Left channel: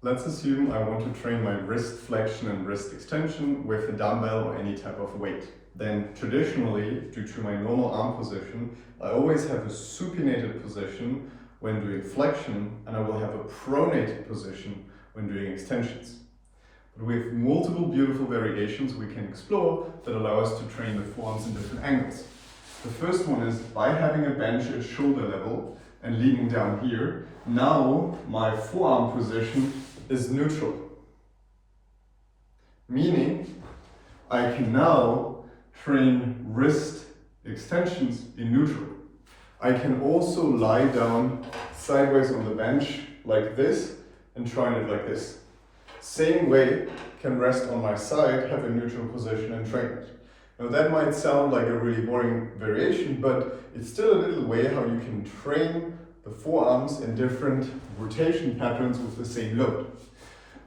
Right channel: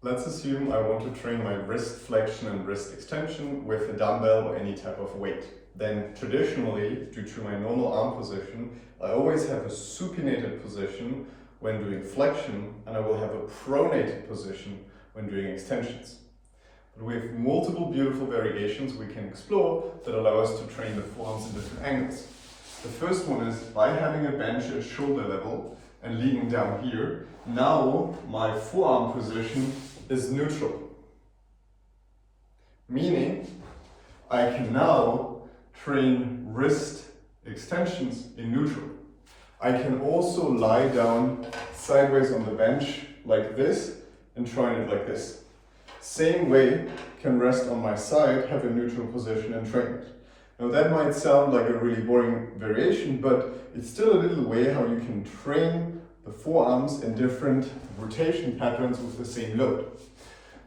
Let's assume I want to train my wrist flexion and wrist extension with a dumbbell or any type of weight. Then traditionally, due to my normal arm position, I always have a supinated position when doing flexion, and I will have a pronated position when doing extensions. But we have multiple beautiful variations we can explore that allow us to train the forearms in different angles. The first one is by having a bench at shoulder level and leaning down here. Now my forearm position is neutral, meaning I can now train wrist extensions in neutral. I can also lie down sideways on the bench like this and train it like this. Same way, can rest on my side, have a neutral position and train it. Now that might sound like a really boring variation, but it's still a little way how you can train the forearms in different rotation patterns with the same load.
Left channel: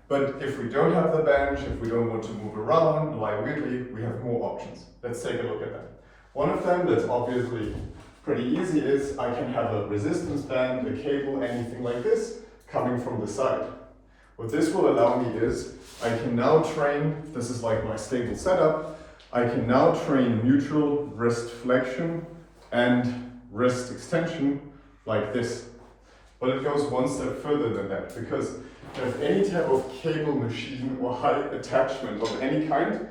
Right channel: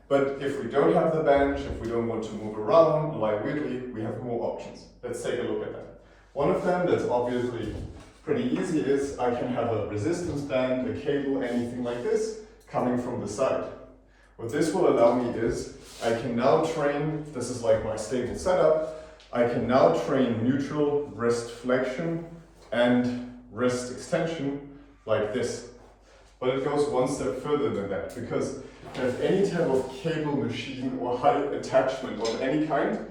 But if we don't have the bench, if we don't want to move around and lie weirdly, we have more options. Let's take a look at that. One of them that's obviously pretty easy is I can have a resistance band, a cable, anything like this coming from the side. What this will allow me is I can now train, this is like my stable setup, I can now train neutral wrist flexion and wrist extension like this. But it goes one step further than that, because if any type of cable machine or height attachment of any kind,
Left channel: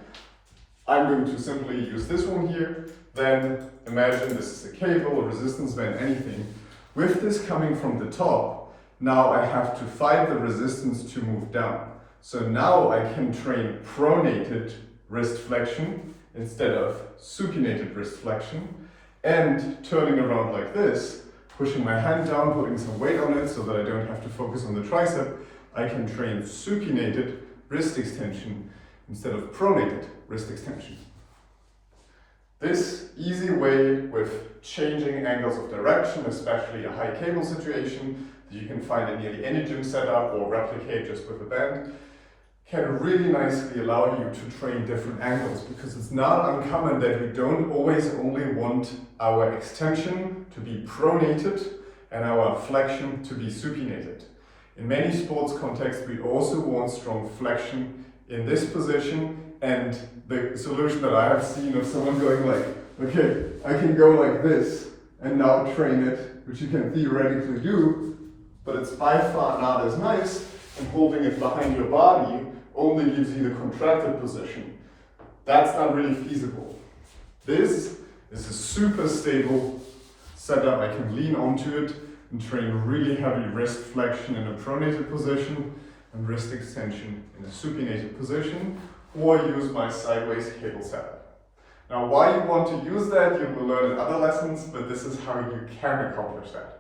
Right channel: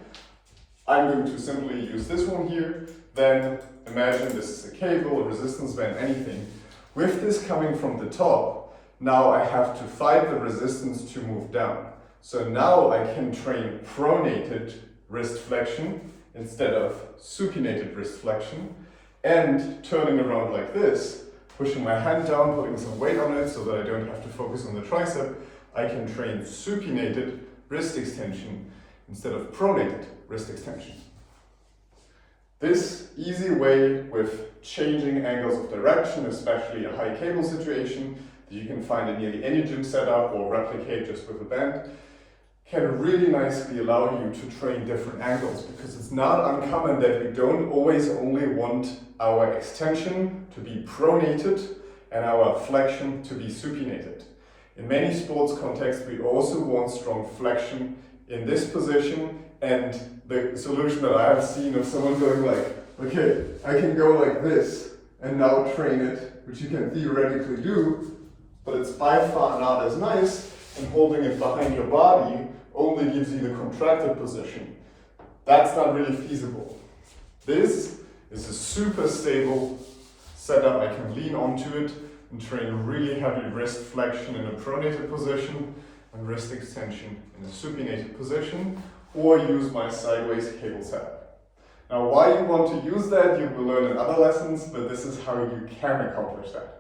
I'm going to simply use this one here. Then imagine this is a cable, a resistance band, anything. With this coming from the top, now I have to fight the resistance to move down. So now I can train pronated wrist flexion instead of supinated wrist flexion, and turning around like this, pushing my hand down, putting some weight on it so that I don't have to focus on the tricep, I can train supinated wrist extension instead of pronated wrist extension. This easy way with changing angles of direction, especially a high cable situation that you can find in nearly any gym setup or replicate just with a band, can really nicely allow you to train different angles, because it's not uncommon that we don't always only want our extension to be pronated and our flexion to be supinated. In many sports contexts, we also want strong flexion in this position, and the solution that I have seen of someone going like, okay, I can go like this and now train it, which you can theoretically do, but it's by far not as nice, and holding it behind your body only gives you the contracted position. That's not really feasible. This is a super stable setup. I can lean onto it and train really heavy wrist flexion in a pronated position and wrist extension in a supinated position, or use my sideways cable setup. Now, why you want to use that, you will learn in other lessons, but this is how you can accomplish that.